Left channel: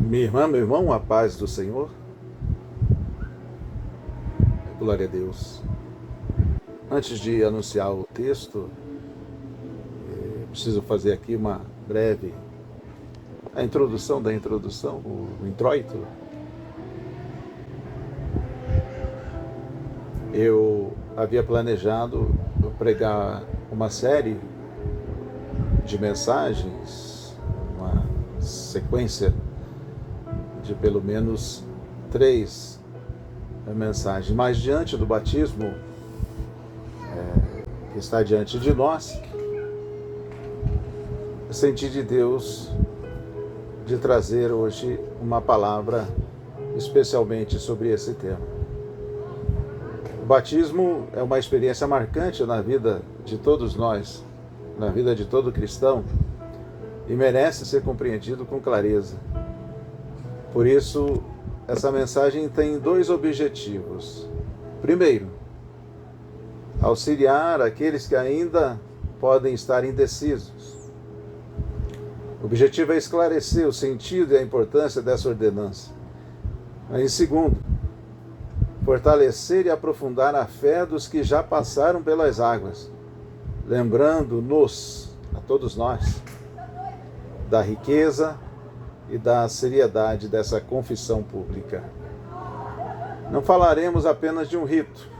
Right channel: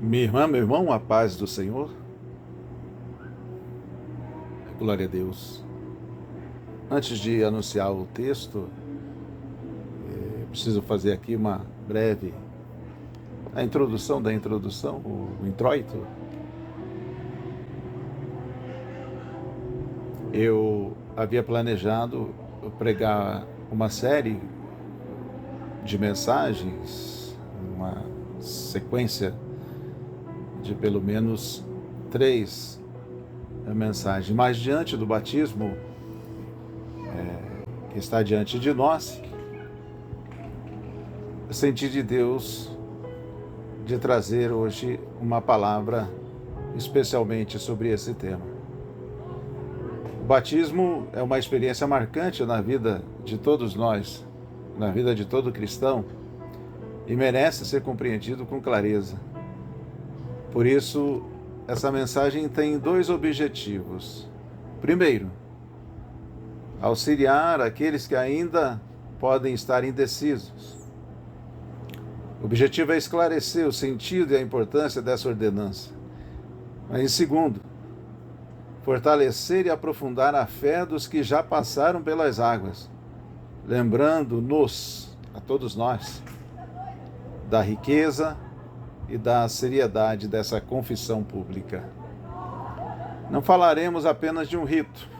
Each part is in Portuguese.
Minha irmã, meu irmão, a paz do Senhor. Glória a Deus. Antes de anunciar o texto, eu preciso fazer aqui uma breve a introdução da introdução, o introito. Eu havia planejado pregar uma série de mensagens, uma sequência de pelo menos 3 mensagens, mas diante do batismo que está diante de nós, eu senti de Deus de trazer hoje uma palavra especialmente sobre esse tema. O batismo é uma experiência marcante na vida de todos nós, na vida de todo cristão, e merece ser compreendido com clareza. Por isso, essa mensagem tem 2 objetivos. Primeiro, auxiliar aqueles que ainda podem estar indecisos. O objetivo é esclarecer o sentido e a importância dessa ordenança. Mas, em segundo, fortalecer e aprofundar a fé dos que já passaram pelas águas, lembrando-nos, a todos nós, da riqueza e da seriedade dessa confissão pública. Não falaremos apenas de um rito,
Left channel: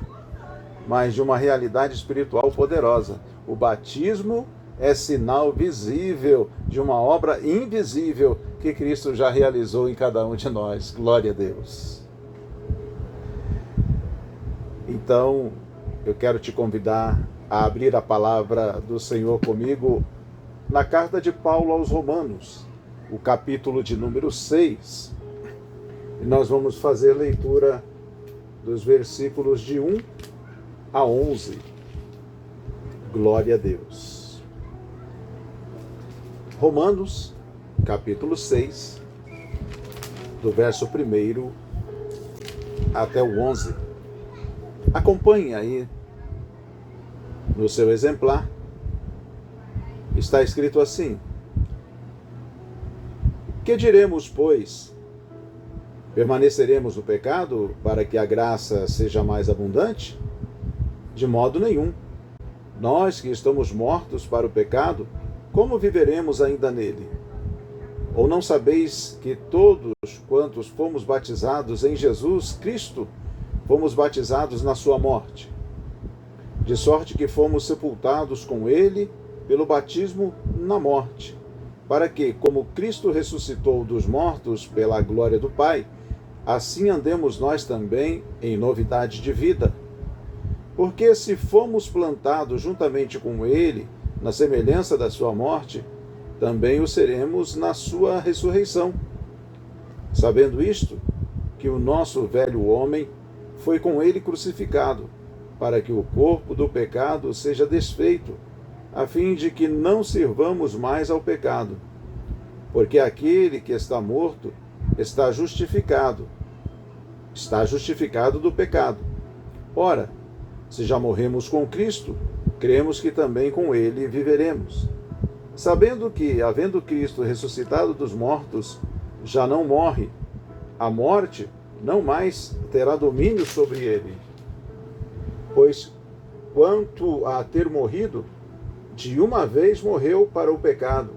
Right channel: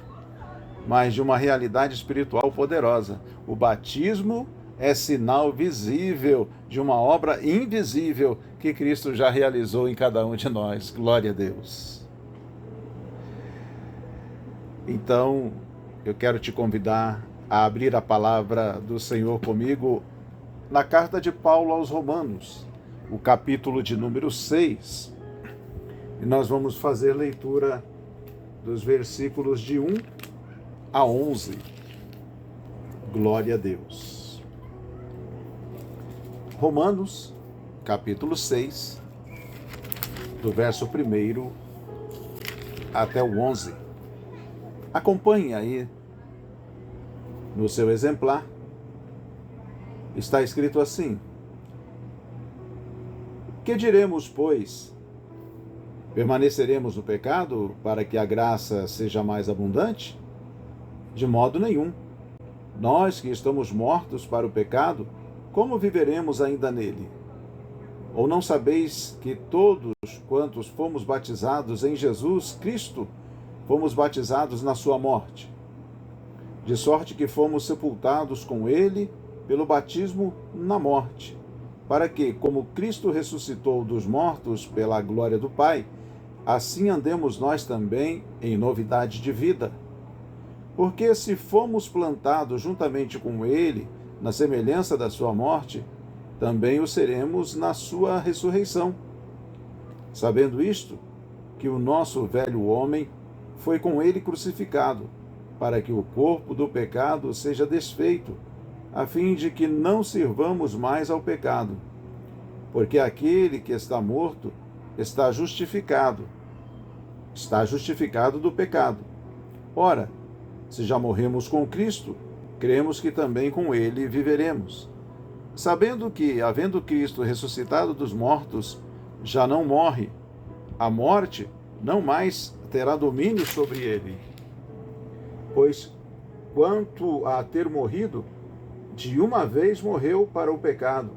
mas de uma realidade espiritual poderosa. O batismo é sinal visível de uma obra invisível que Cristo já realizou em cada um de nós. Glória a Deus. Então, eu quero te convidar a abrir a palavra do Senhor comigo na carta de Paulo aos Romanos, o capítulo de número 6. E nós vamos fazer leitura dos versículos de 1 a 11. Glória a Deus. Romanos, capítulo 6, do verso 1 até o 11. Acompanhe aí no seu exemplar. Está escrito assim: que diremos, pois? Permaneceremos no pecado para que a graça seja mais abundante? De modo nenhum. Nós que estamos mortos para o pecado, como viveremos ainda nele? Ou não sabeis que todos quantos fomos batizados em Jesus Cristo, fomos batizados na sua morte? De sorte que fomos sepultados com ele pelo batismo na morte, para que, como Cristo ressuscitou dos mortos pela glória do Pai, assim andemos nós também em novidade de vida. Porque se fomos plantados juntamente com ele na semelhança da sua morte, também o seremos na sua ressurreição. Sabendo isto, que o nosso velho homem foi com ele crucificado, para que o corpo do pecado seja desfeito, a fim de que não sirvamos mais ao pecado. Porque aquele que está morto está justificado do pecado. Ora, se já morremos com Cristo, cremos que também com ele viveremos. Sabendo que, havendo Cristo ressuscitado dos mortos, já não morre, a morte não mais terá domínio sobre ele. Pois, quanto a ter morrido, de uma vez morreu para o pecado,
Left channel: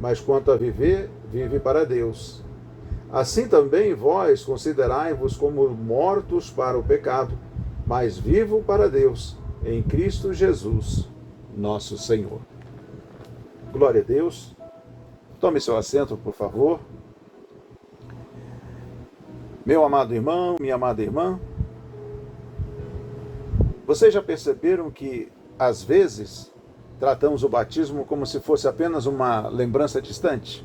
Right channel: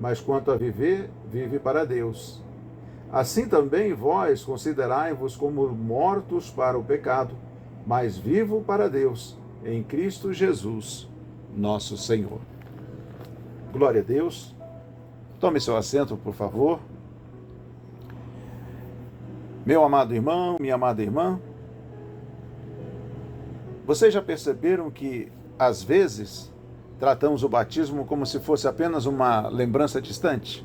mas quanto a viver, vive para Deus. Assim também vós considerai-vos como mortos para o pecado, mas vivo para Deus, em Cristo Jesus, nosso Senhor. Glória a Deus. Tome seu assento, por favor. Meu amado irmão, minha amada irmã, vocês já perceberam que, às vezes, tratamos o batismo como se fosse apenas uma lembrança distante?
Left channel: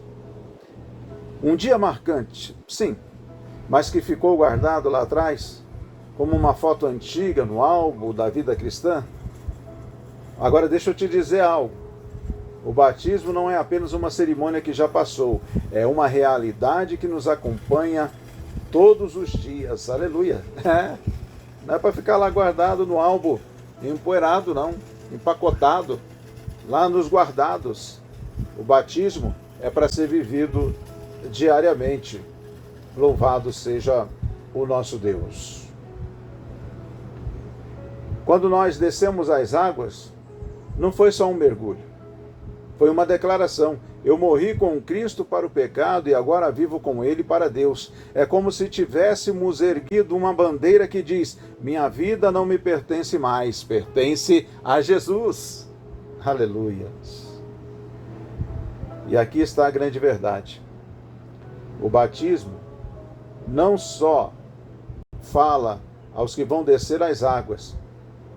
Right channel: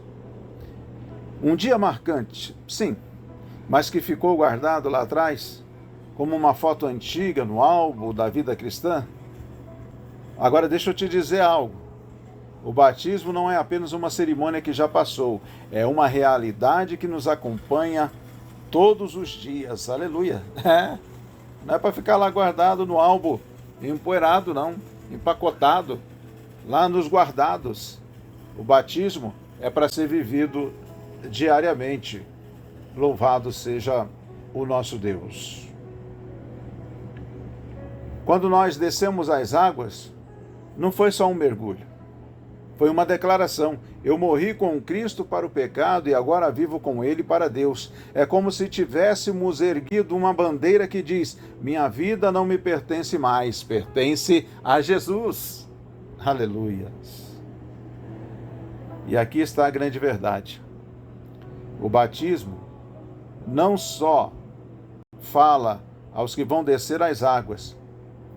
Um dia marcante, sim, mas que ficou guardado lá atrás, como uma foto antiga no álbum da vida cristã? Agora deixa eu te dizer algo. O batismo não é apenas uma cerimônia que já passou, é uma realidade que nos acompanha todos os dias. Aleluia! Não é para ficar lá guardado no álbum, empoeirado não, empacotado, lá nos guardados. O batismo é para ser vivido diariamente. Louvado seja o nosso Deus. Quando nós descemos às águas, não foi só um mergulho. Foi uma declaração. Eu morri com Cristo para o pecado e agora vivo com Ele para Deus. É como se tivéssemos erguido uma bandeira que diz: minha vida não me pertence mais, pertence a Jesus. Aleluia. E aqui está a grande verdade. O batismo não só fala aos que vão descer às águas,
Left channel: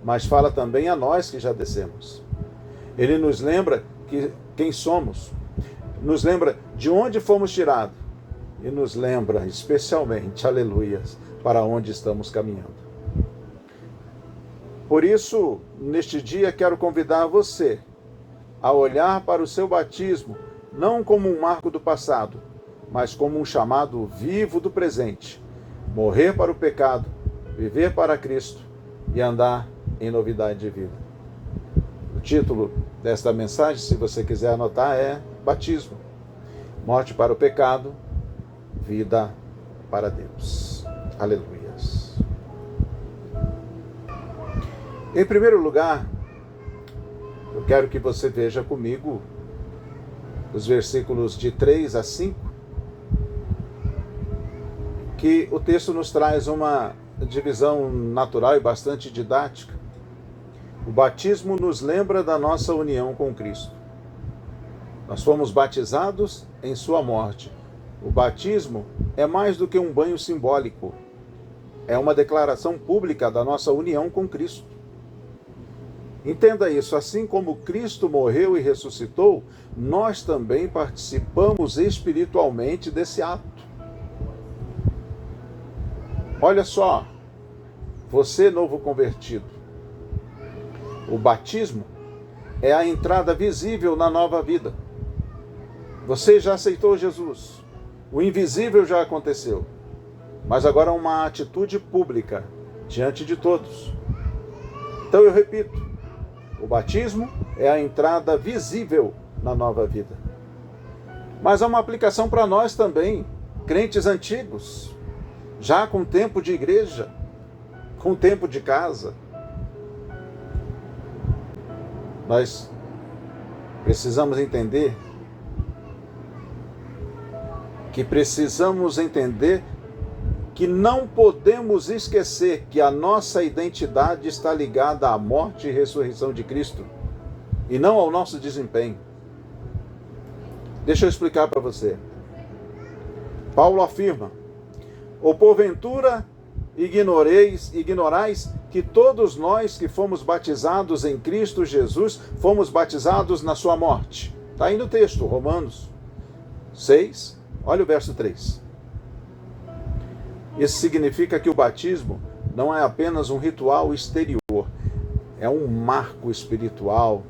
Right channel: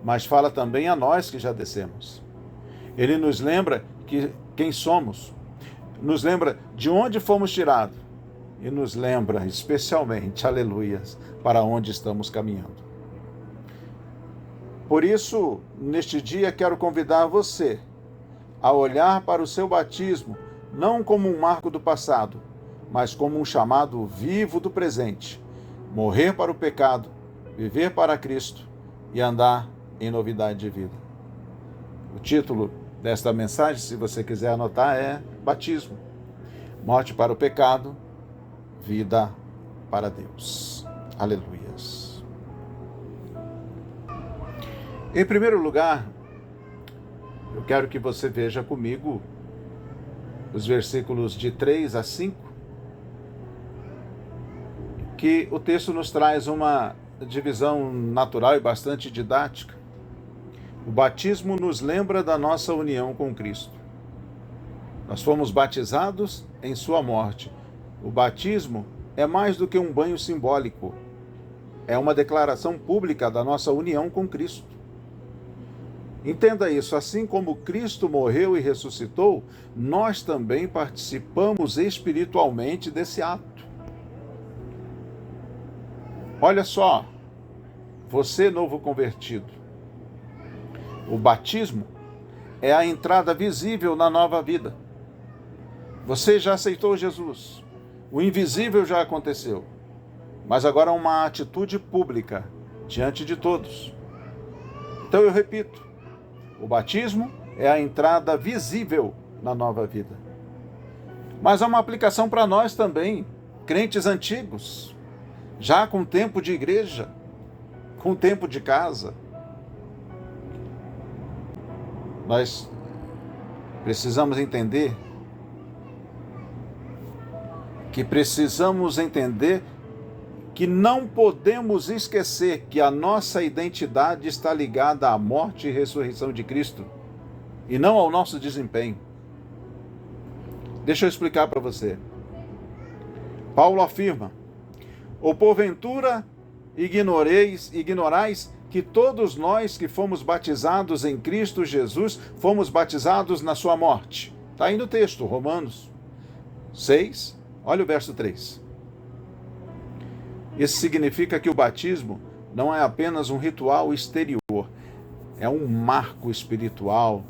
mas fala também a nós que já descemos. Ele nos lembra quem somos, nos lembra de onde fomos tirados e nos lembra especialmente, aleluias, para onde estamos caminhando. Por isso, neste dia, quero convidar você a olhar para o seu batismo não como um marco do passado, mas como um chamado vivo do presente. Morrer para o pecado, viver para Cristo e andar em novidade de vida. O título desta mensagem, se você quiser anotar, é Batismo. Morte para o pecado, vida para Deus. Aleluias. Em primeiro lugar, eu quero que você veja comigo os versículos de 3 a 5, que o texto nos traz uma divisão natural e bastante didática. O batismo nos lembra da nossa união com Cristo. Nós fomos batizados em sua morte. O batismo é mais do que um banho simbólico. É uma declaração pública da nossa união com Cristo. Entenda isso, assim como Cristo morreu e ressuscitou, nós também participamos espiritualmente desse ato. Olha só, você novo convertido, o batismo é a entrada visível na nova vida. Você já aceitou Jesus, o invisível já aconteceu, mas agora é uma atitude pública diante de todos. Então eu repito, o batismo é a entrada visível na nova vida. Mas há uma aplicação para nós também, crentes antigos, já com tempo de igreja, com tempo de casa. Nós precisamos entender que não podemos esquecer que a nossa identidade está ligada à morte e ressurreição de Cristo, e não ao nosso desempenho. Deixa eu explicar para você. Paulo afirma: ou porventura ignorais que todos nós que fomos batizados em Cristo Jesus, fomos batizados na sua morte. Está aí no texto, Romanos 6, olha o verso 3. Isso significa que o batismo não é apenas um ritual exterior, é um marco espiritual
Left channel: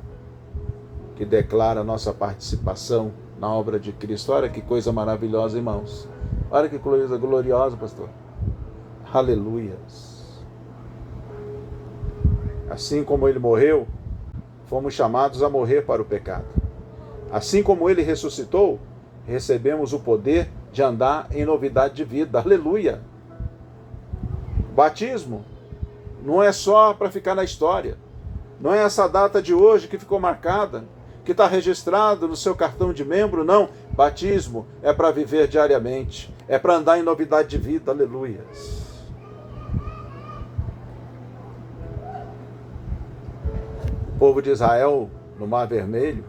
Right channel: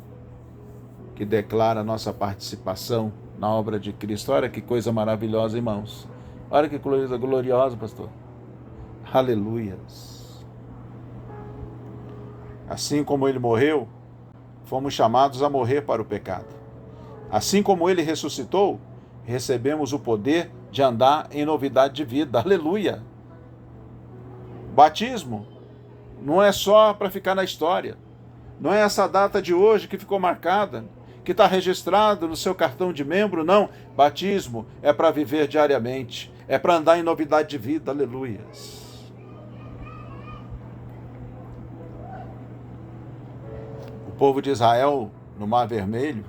que declara a nossa participação na obra de Cristo. Olha que coisa maravilhosa, irmãos. Olha que coisa gloriosa, pastor. Aleluias. Assim como ele morreu, fomos chamados a morrer para o pecado. Assim como ele ressuscitou, recebemos o poder de andar em novidade de vida. Aleluia. Batismo não é só para ficar na história. Não é essa data de hoje que ficou marcada, que está registrado no seu cartão de membro, não. Batismo é para viver diariamente, é para andar em novidade de vida. Aleluia. O povo de Israel no Mar Vermelho,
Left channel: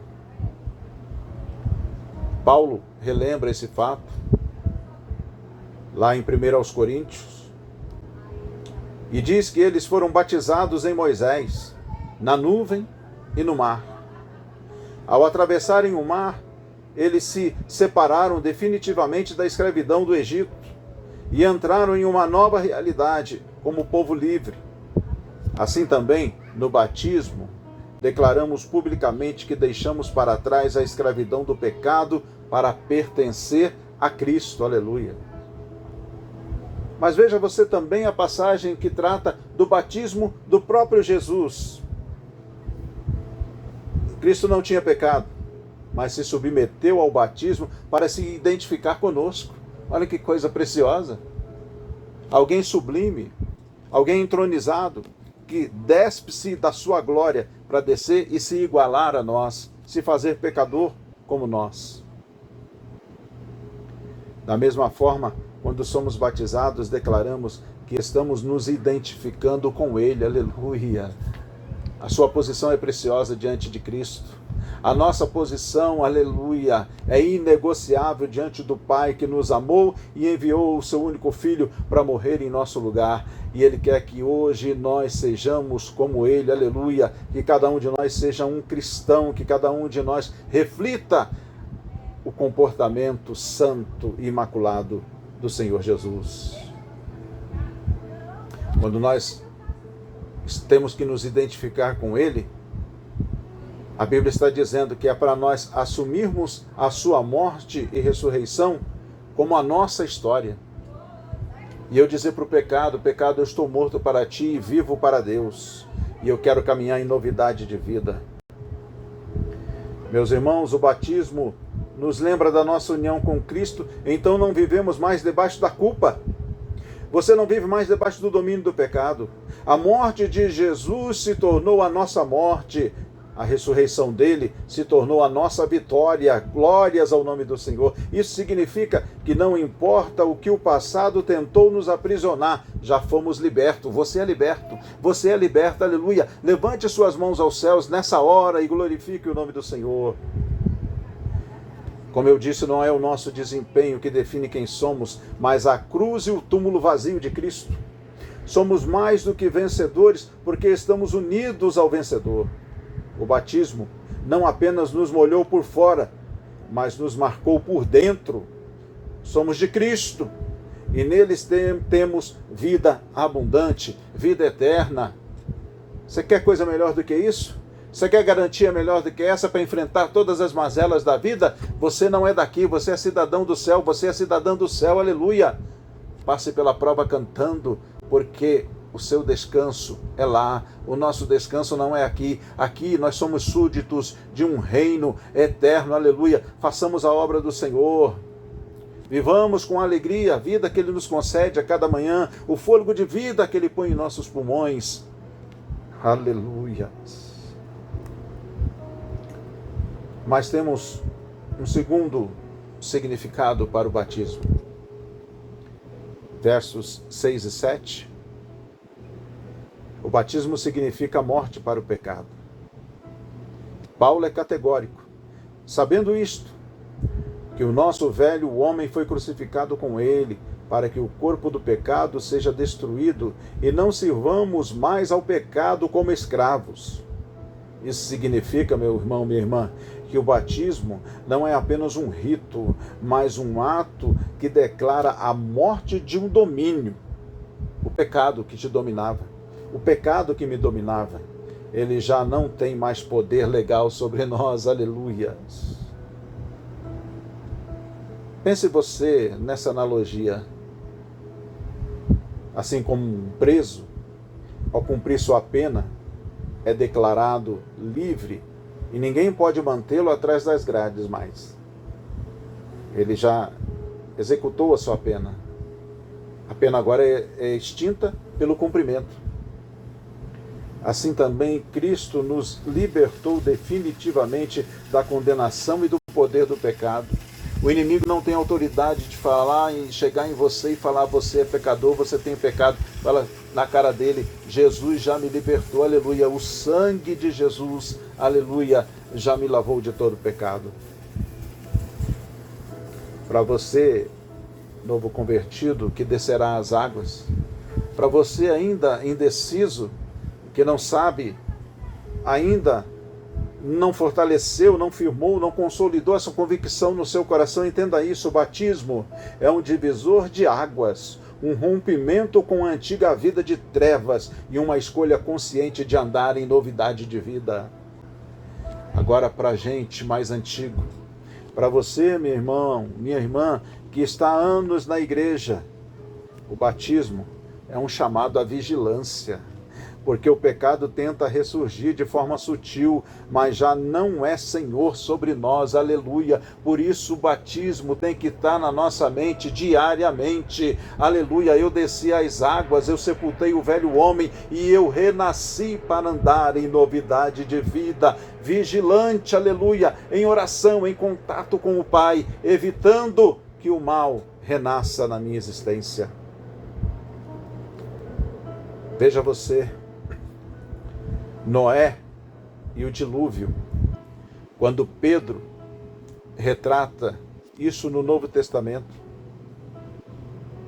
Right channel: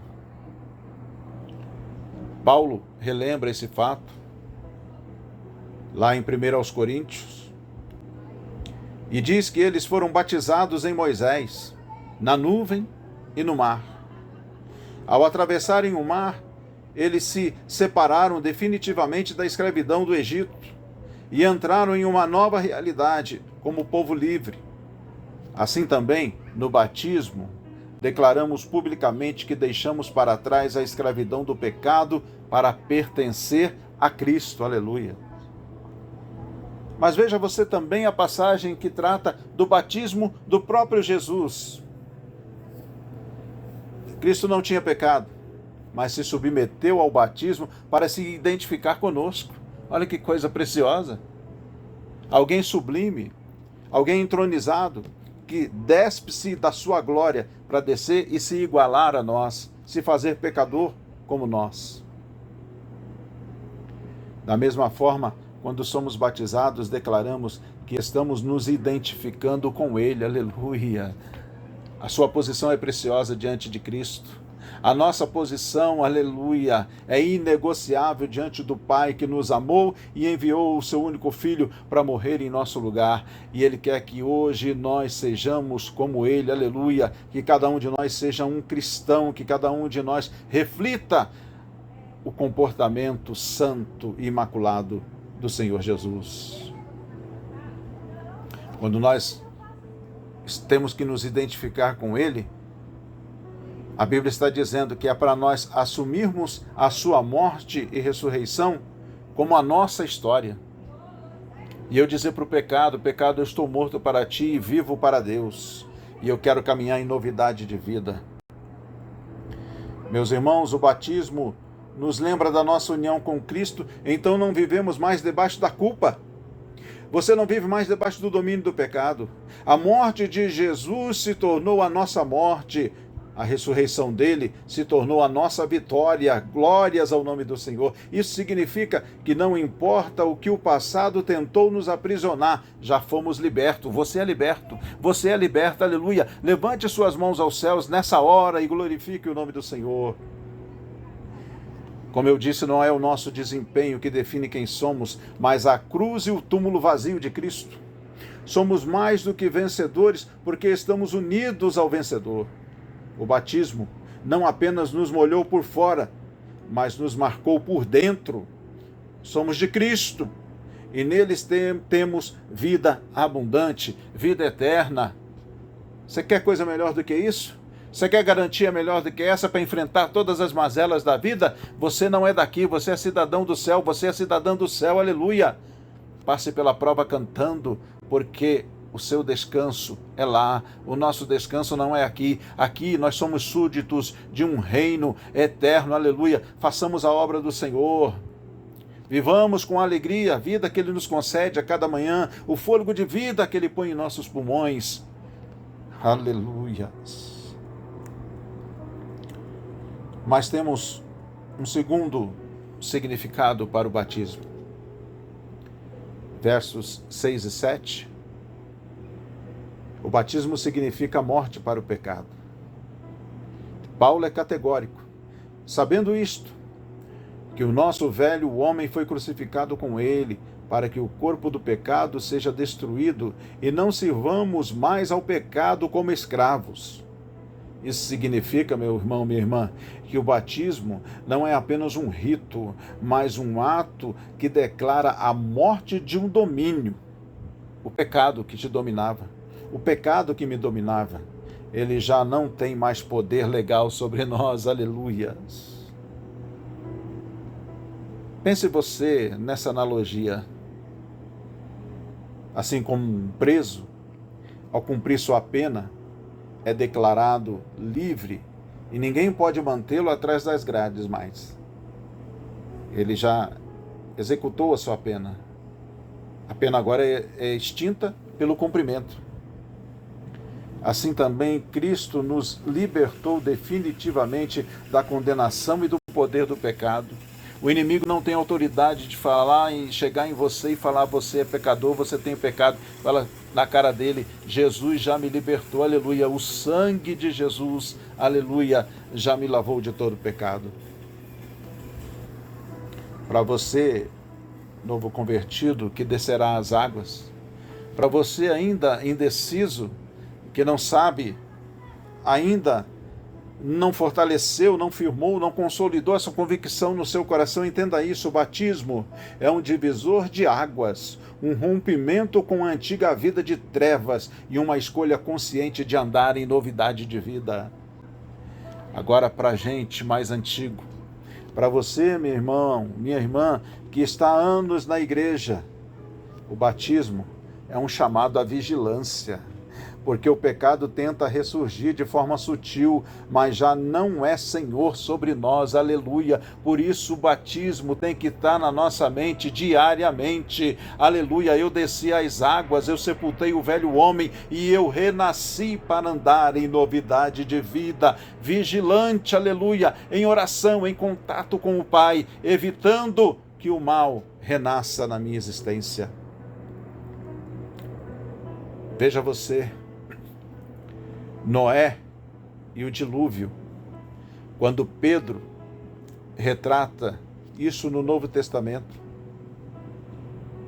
Paulo relembra esse fato lá em 1 Coríntios, e diz que eles foram batizados em Moisés, na nuvem e no mar. Ao atravessarem o mar, eles se separaram definitivamente da escravidão do Egito e entraram em uma nova realidade como povo livre. Assim também, no batismo, declaramos publicamente que deixamos para trás a escravidão do pecado para pertencer a Cristo. Aleluia. Mas veja você também a passagem que trata do batismo do próprio Jesus. Cristo não tinha pecado. mas se submeteu ao batismo para se identificar conosco. Olha que coisa preciosa. Alguém sublime, alguém entronizado, que despe-se da sua glória para descer e se igualar a nós, se fazer pecador como nós. Da mesma forma, quando somos batizados, declaramos que estamos nos identificando com Ele. Aleluia! A sua posição é preciosa diante de Cristo. A nossa posição, aleluia, é inegociável diante do Pai que nos amou e enviou o seu único Filho para morrer em nosso lugar. E Ele quer que hoje nós sejamos como Ele, aleluia, que cada um de nós seja um cristão, que cada um de nós reflita o comportamento santo e imaculado do Senhor Jesus. Quando nós temos que nos identificar com Ele, a Bíblia está dizendo que é para nós assumirmos a sua morte e ressurreição como a nossa história. E eu dizer para o pecado, eu estou morto para ti e vivo para Deus. E eu quero caminhar em novidade de vida. Meus irmãos, o batismo nos lembra da nossa união com Cristo, então não vivemos mais debaixo da culpa. Você não vive mais debaixo do domínio do pecado. A morte de Jesus se tornou a nossa morte. A ressurreição dele se tornou a nossa vitória. Glórias ao nome do Senhor. Isso significa que não importa o que o passado tentou nos aprisionar, já fomos libertos. Você é liberto. Você é liberta. Aleluia. Levante suas mãos aos céus nessa hora e glorifique o nome do Senhor. Como eu disse, não é o nosso desempenho que define quem somos, mas a cruz e o túmulo vazio de Cristo. Somos mais do que vencedores porque estamos unidos ao vencedor. O batismo não apenas nos molhou por fora, mas nos marcou por dentro. Somos de Cristo e neles temos vida abundante, vida eterna. Você quer coisa melhor do que isso? Você quer garantia melhor do que essa para enfrentar todas as mazelas da vida? Você não é daqui, você é cidadão do céu, você é cidadã do céu, aleluia! Passe pela prova cantando, porque o seu descanso é lá, o nosso descanso não é aqui. Aqui nós somos súditos de um reino eterno, aleluia. Façamos a obra do Senhor. Vivamos com alegria a vida que Ele nos concede a cada manhã, o fôlego de vida que Ele põe em nossos pulmões. Aleluia. Mas temos um segundo significado para o batismo. Versos 6 e 7. O batismo significa morte para o pecado. Paulo é categórico. Sabendo isto, que o nosso velho homem foi crucificado com ele, para que o corpo do pecado seja destruído e não sirvamos mais ao pecado como escravos. Isso significa, meu irmão, minha irmã, que o batismo não é apenas um rito, mas um ato que declara a morte de um domínio. O pecado que te dominava, o pecado que me dominava, ele já não tem mais poder legal sobre nós, aleluia. Pense você nessa analogia. Assim como um preso, ao cumprir sua pena, é declarado livre e ninguém pode mantê-lo atrás das grades mais. Ele já executou a sua pena. A pena agora é extinta pelo cumprimento. Assim também Cristo nos libertou definitivamente da condenação e do poder do pecado. O inimigo não tem autoridade de falar e chegar em você e falar: você é pecador, você tem pecado. Fala na cara dele: Jesus já me libertou, aleluia. O sangue de Jesus, aleluia, já me lavou de todo pecado. Para você, novo convertido, que descerá as águas. Para você ainda indeciso, que não sabe, ainda não fortaleceu, não firmou, não consolidou essa convicção no seu coração, entenda isso: o batismo é um divisor de águas, um rompimento com a antiga vida de trevas e uma escolha consciente de andar em novidade de vida. Agora, para a gente mais antigo, para você, meu irmão, minha irmã, que está há anos na igreja, o batismo é um chamado à vigilância. porque o pecado tenta ressurgir de forma sutil, mas já não é Senhor sobre nós, aleluia. Por isso o batismo tem que estar na nossa mente diariamente, aleluia. Eu desci às águas, eu sepultei o velho homem e eu renasci para andar em novidade de vida, vigilante, aleluia, em oração, em contato com o Pai, evitando que o mal renasça na minha existência. Veja você, Noé e o dilúvio, quando Pedro retrata isso no Novo Testamento.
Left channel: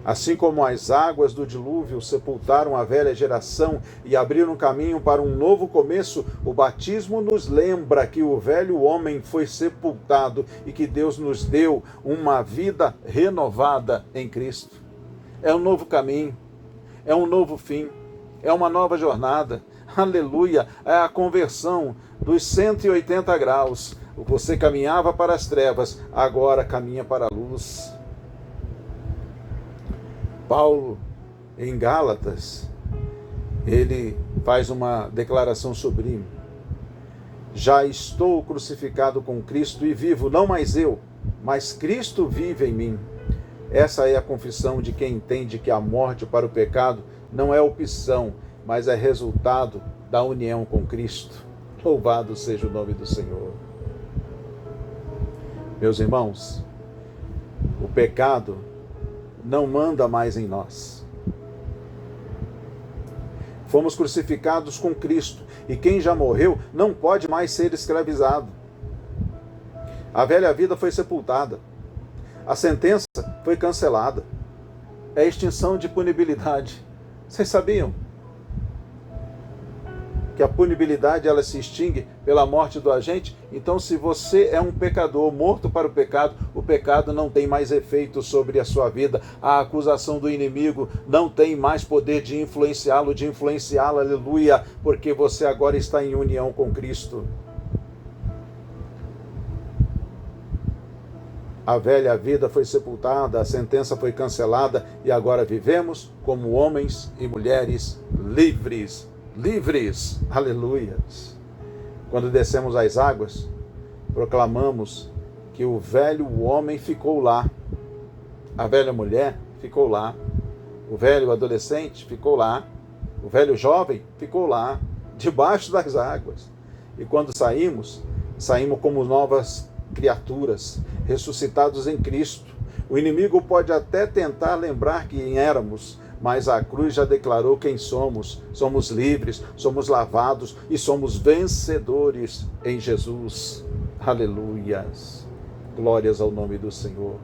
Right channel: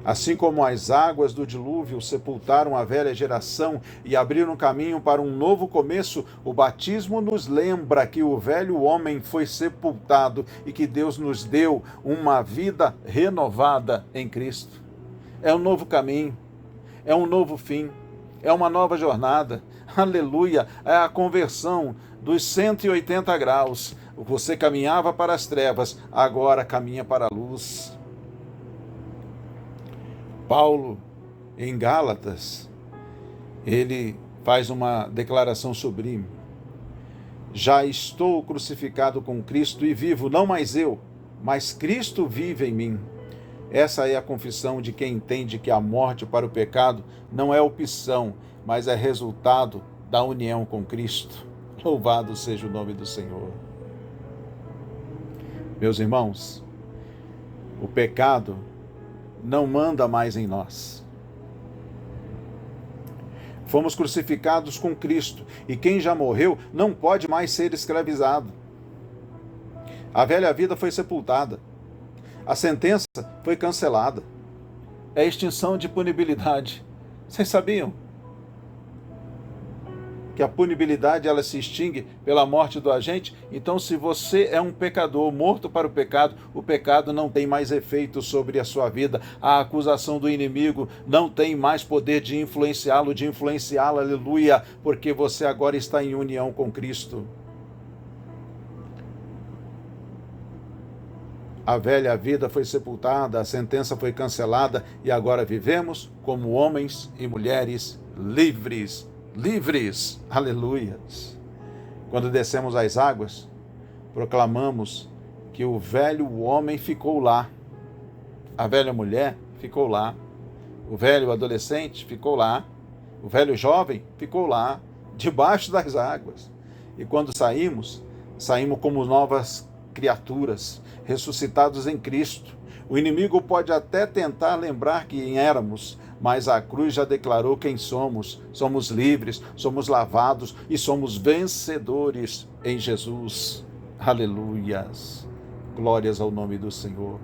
Assim como as águas do dilúvio sepultaram a velha geração e abriram caminho para um novo começo, o batismo nos lembra que o velho homem foi sepultado e que Deus nos deu uma vida renovada em Cristo. É um novo caminho, é um novo fim, é uma nova jornada. Aleluia, é a conversão dos 180 graus. Você caminhava para as trevas, agora caminha para a luz. Paulo, em Gálatas, ele faz uma declaração sublime. Já estou crucificado com Cristo e vivo, não mais eu, mas Cristo vive em mim. Essa é a confissão de quem entende que a morte para o pecado não é opção, mas é resultado da união com Cristo. Louvado seja o nome do Senhor. Meus irmãos, o pecado não manda mais em nós. Fomos crucificados com Cristo, e quem já morreu não pode mais ser escravizado. A velha vida foi sepultada. A sentença foi cancelada. É extinção de punibilidade. Vocês sabiam que a punibilidade ela se extingue pela morte do agente? Então, se você é um pecador morto para o pecado não tem mais efeito sobre a sua vida. A acusação do inimigo não tem mais poder de influenciá-lo, aleluia, porque você agora está em união com Cristo. A velha vida foi sepultada, a sentença foi cancelada e agora vivemos como homens e mulheres livres. Livres, aleluias. Quando descemos às águas, proclamamos que o velho homem ficou lá, a velha mulher ficou lá, o velho adolescente ficou lá, o velho jovem ficou lá, debaixo das águas. E quando saímos como novas criaturas, ressuscitados em Cristo. O inimigo pode até tentar lembrar quem éramos, mas a cruz já declarou quem somos. Somos livres, somos lavados e somos vencedores em Jesus. Aleluias. Glórias ao nome do Senhor.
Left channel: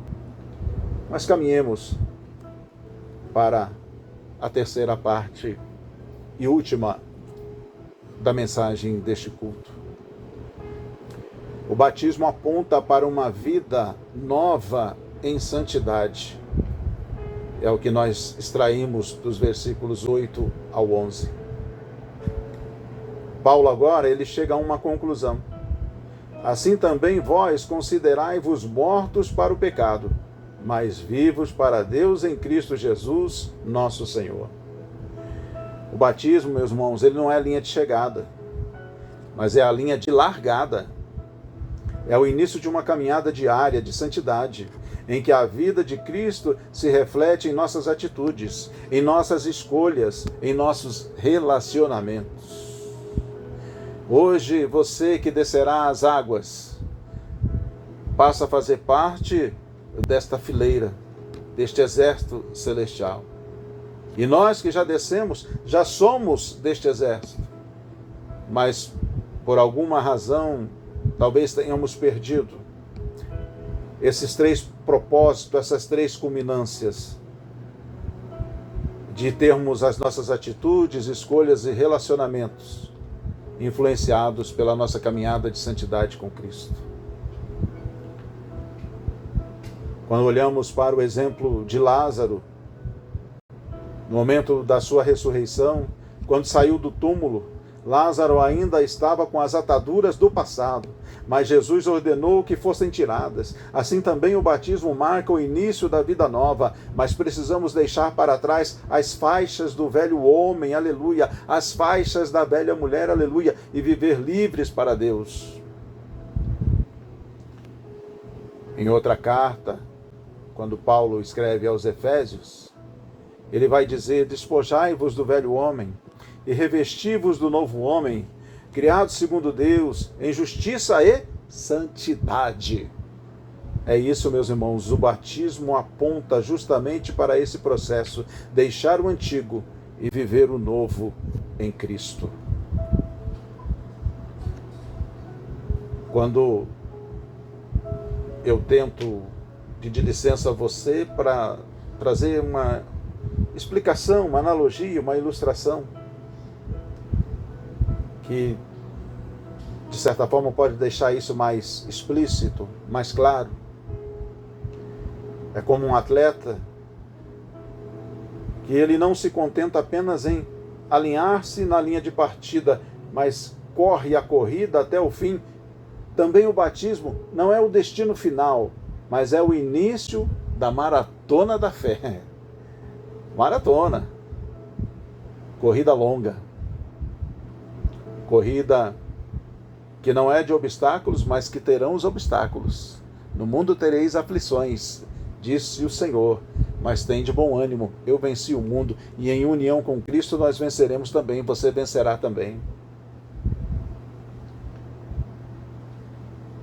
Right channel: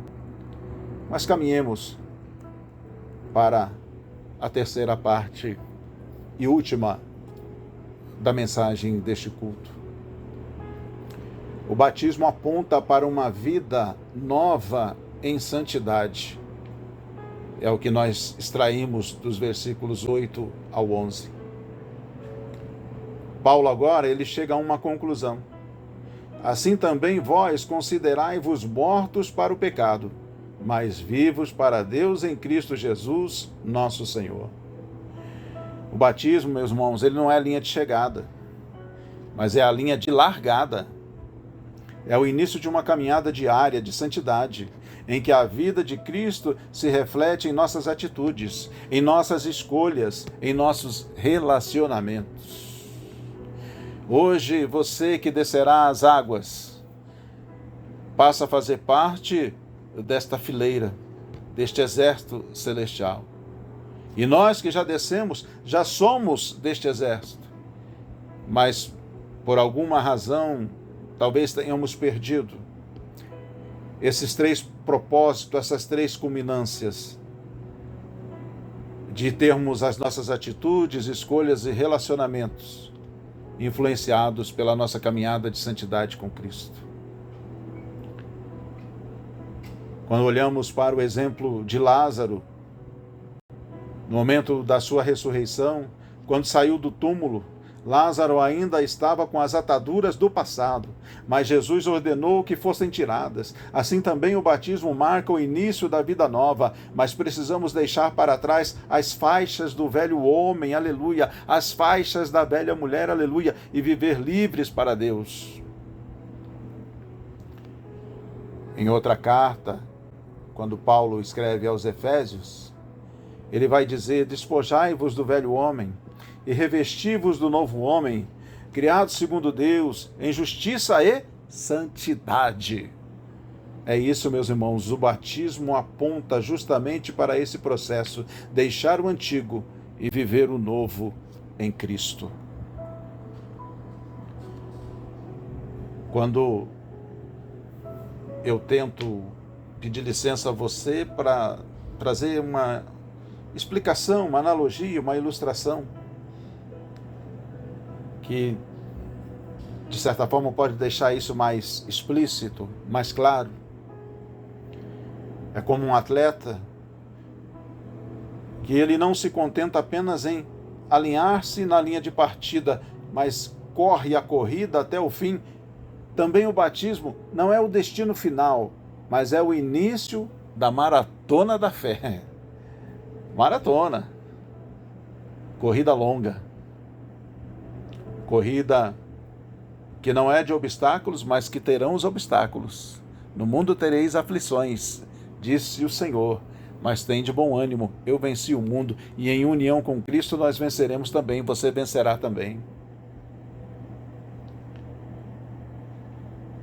Mas caminhemos para a terceira parte e última da mensagem deste culto. O batismo aponta para uma vida nova em santidade. É o que nós extraímos dos versículos 8 ao 11. Paulo agora, ele chega a uma conclusão. Assim também vós considerai-vos mortos para o pecado, mas vivos para Deus em Cristo Jesus, nosso Senhor. O batismo, meus irmãos, ele não é a linha de chegada, mas é a linha de largada. É o início de uma caminhada diária de santidade, em que a vida de Cristo se reflete em nossas atitudes, em nossas escolhas, em nossos relacionamentos. Hoje, você que descerá às águas, passa a fazer parte desta fileira, deste exército celestial. E nós que já descemos, já somos deste exército. Mas, por alguma razão, talvez tenhamos perdido esses três propósitos, essas três culminâncias de termos as nossas atitudes, escolhas e relacionamentos influenciados pela nossa caminhada de santidade com Cristo. Quando olhamos para o exemplo de Lázaro, no momento da sua ressurreição, quando saiu do túmulo, Lázaro ainda estava com as ataduras do passado, mas Jesus ordenou que fossem tiradas. Assim também o batismo marca o início da vida nova, mas precisamos deixar para trás as faixas do velho homem, aleluia, as faixas da velha mulher, aleluia, e viver livres para Deus. Em outra carta, quando Paulo escreve aos Efésios, ele vai dizer: despojai-vos do velho homem e revesti-vos do novo homem, criado segundo Deus, em justiça e santidade. É isso, meus irmãos, o batismo aponta justamente para esse processo, deixar o antigo e viver o novo em Cristo. Quando eu tento pedir licença a você para trazer uma explicação, uma analogia, uma ilustração, que de certa forma pode deixar isso mais explícito, mais claro. É como um atleta que ele não se contenta apenas em alinhar-se na linha de partida, mas corre a corrida até o fim. Também o batismo não é o destino final, mas é o início da maratona da fé. Maratona. Corrida longa. Corrida que não é de obstáculos, mas que terão os obstáculos. No mundo tereis aflições, disse o Senhor, mas tem de bom ânimo, eu venci o mundo, e em união com Cristo nós venceremos também, você vencerá também.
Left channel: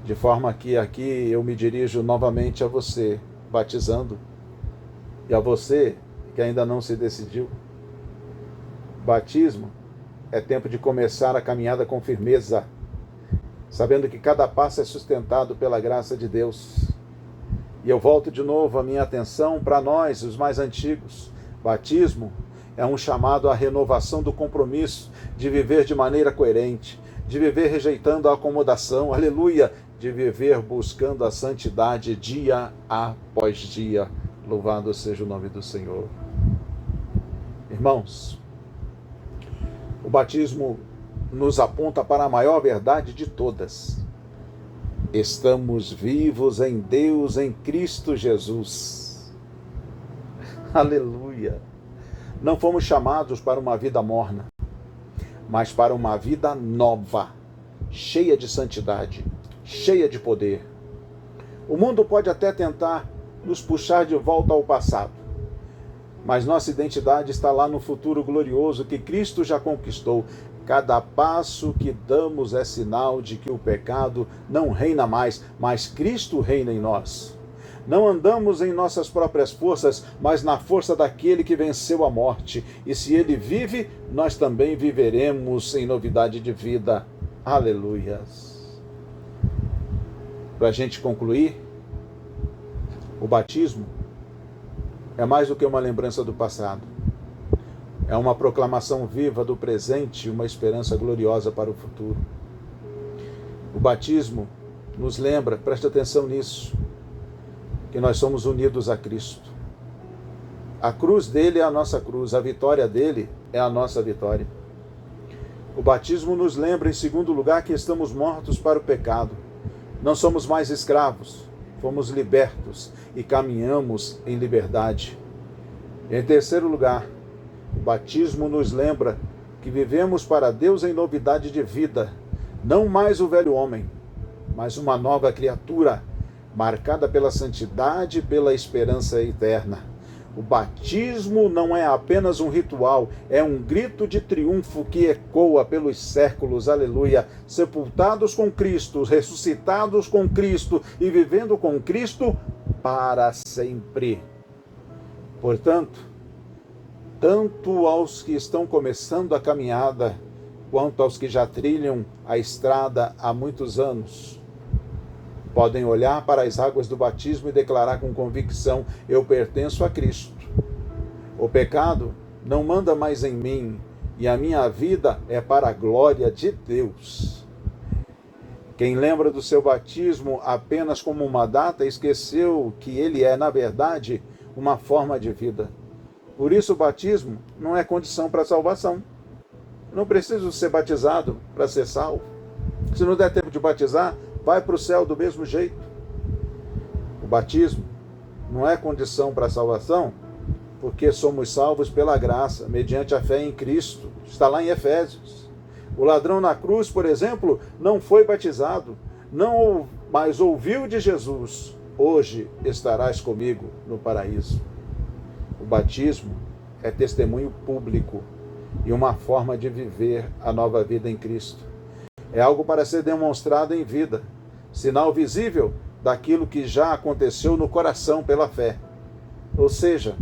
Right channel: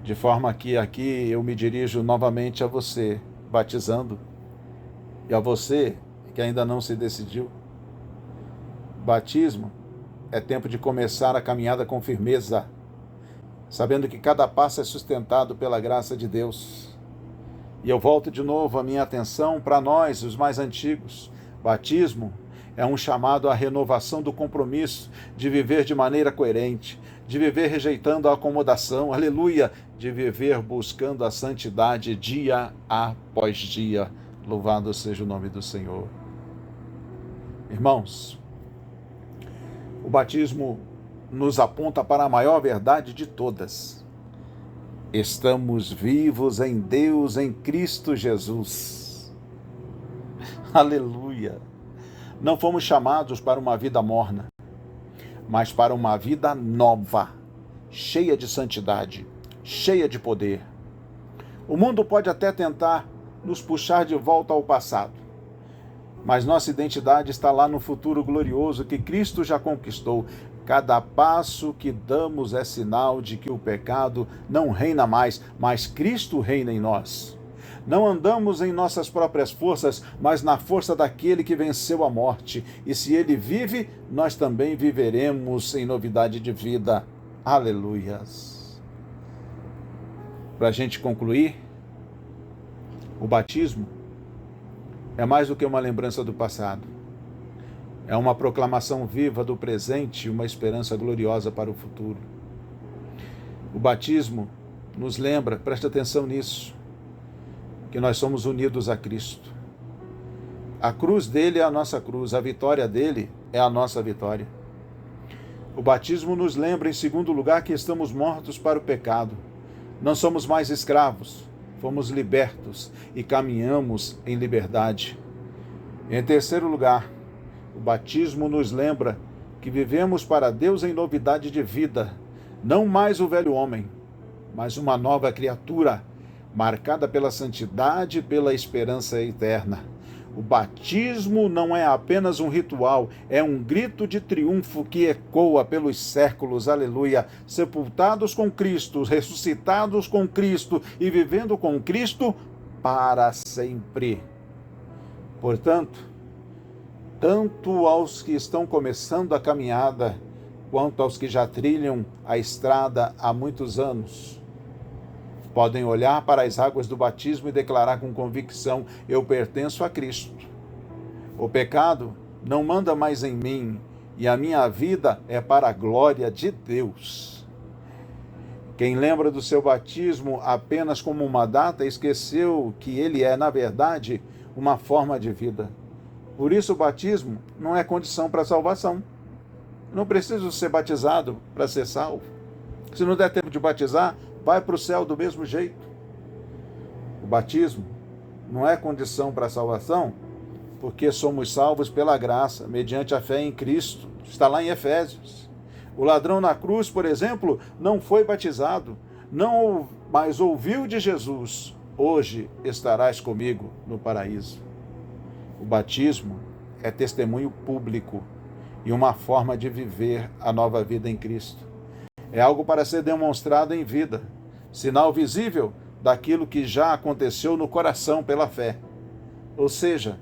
De forma que aqui eu me dirijo novamente a você, batizando, e a você que ainda não se decidiu. Batismo é tempo de começar a caminhada com firmeza, sabendo que cada passo é sustentado pela graça de Deus. E eu volto de novo a minha atenção para nós, os mais antigos. Batismo é um chamado à renovação do compromisso de viver de maneira coerente, de viver rejeitando a acomodação, aleluia, de viver buscando a santidade dia após dia. Louvado seja o nome do Senhor. Irmãos, o batismo nos aponta para a maior verdade de todas. Estamos vivos em Deus, em Cristo Jesus. Aleluia! Não fomos chamados para uma vida morna, mas para uma vida nova, cheia de santidade, cheia de poder. O mundo pode até tentar nos puxar de volta ao passado, mas nossa identidade está lá no futuro glorioso que Cristo já conquistou. Cada passo que damos é sinal de que o pecado não reina mais, mas Cristo reina em nós. Não andamos em nossas próprias forças, mas na força daquele que venceu a morte. E se ele vive, nós também viveremos em novidade de vida. Aleluias. Para a gente concluir, o batismo é mais do que uma lembrança do passado. É uma proclamação viva do presente e uma esperança gloriosa para o futuro. O batismo nos lembra, preste atenção nisso, que nós somos unidos a Cristo. A cruz dele é a nossa cruz, a vitória dele é a nossa vitória. O batismo nos lembra, em segundo lugar, que estamos mortos para o pecado. Não somos mais escravos, fomos libertos e caminhamos em liberdade. Em terceiro lugar, o batismo nos lembra que vivemos para Deus em novidade de vida, não mais o velho homem, mas uma nova criatura, marcada pela santidade e pela esperança eterna. O batismo não é apenas um ritual, é um grito de triunfo que ecoa pelos séculos, aleluia, sepultados com Cristo, ressuscitados com Cristo e vivendo com Cristo para sempre. Portanto, tanto aos que estão começando a caminhada, quanto aos que já trilham a estrada há muitos anos, podem olhar para as águas do batismo e declarar com convicção: eu pertenço a Cristo. O pecado não manda mais em mim, e a minha vida é para a glória de Deus. Quem lembra do seu batismo apenas como uma data, esqueceu que ele é, na verdade, uma forma de vida. Por isso o batismo não é condição para a salvação. Não preciso ser batizado para ser salvo. Se não der tempo de batizar, vai para o céu do mesmo jeito. O batismo não é condição para a salvação, porque somos salvos pela graça, mediante a fé em Cristo. Está lá em Efésios. O ladrão na cruz, por exemplo, não foi batizado, mas ouviu de Jesus: hoje estarás comigo no paraíso. O batismo é testemunho público e uma forma de viver a nova vida em Cristo. É algo para ser demonstrado em vida, sinal visível daquilo que já aconteceu no coração pela fé. Ou seja,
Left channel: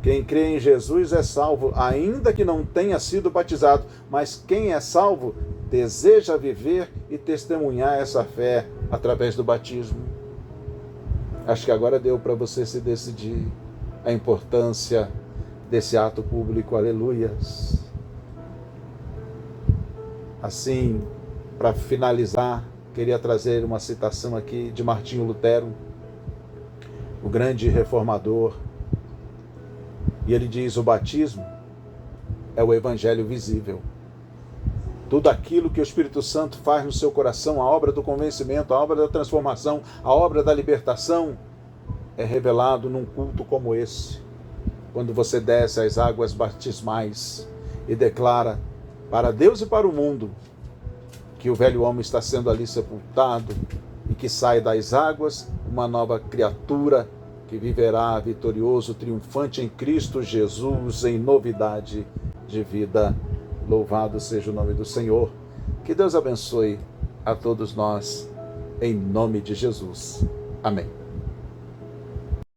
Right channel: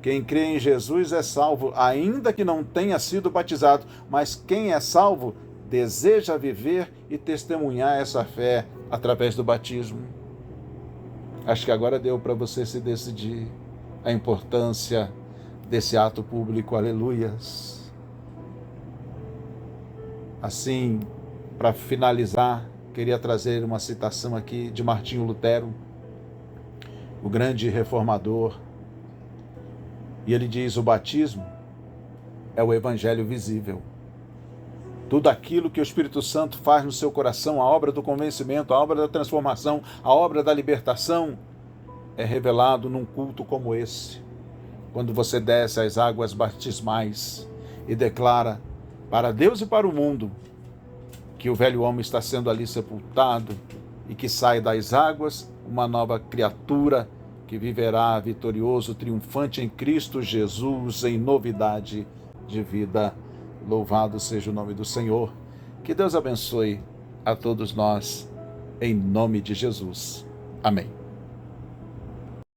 quem crê em Jesus é salvo, ainda que não tenha sido batizado, mas quem é salvo deseja viver e testemunhar essa fé através do batismo. Acho que agora deu para você se decidir a importância desse ato público. Aleluias. Assim, para finalizar, queria trazer uma citação aqui de Martinho Lutero, o grande reformador. E ele diz: o batismo é o evangelho visível. Tudo aquilo que o Espírito Santo faz no seu coração, a obra do convencimento, a obra da transformação, a obra da libertação, é revelado num culto como esse. Quando você desce às águas batismais e declara para Deus e para o mundo que o velho homem está sendo ali sepultado e que sai das águas uma nova criatura que viverá vitorioso, triunfante em Cristo Jesus, em novidade de vida. Louvado seja o nome do Senhor. Que Deus abençoe a todos nós, em nome de Jesus. Amém.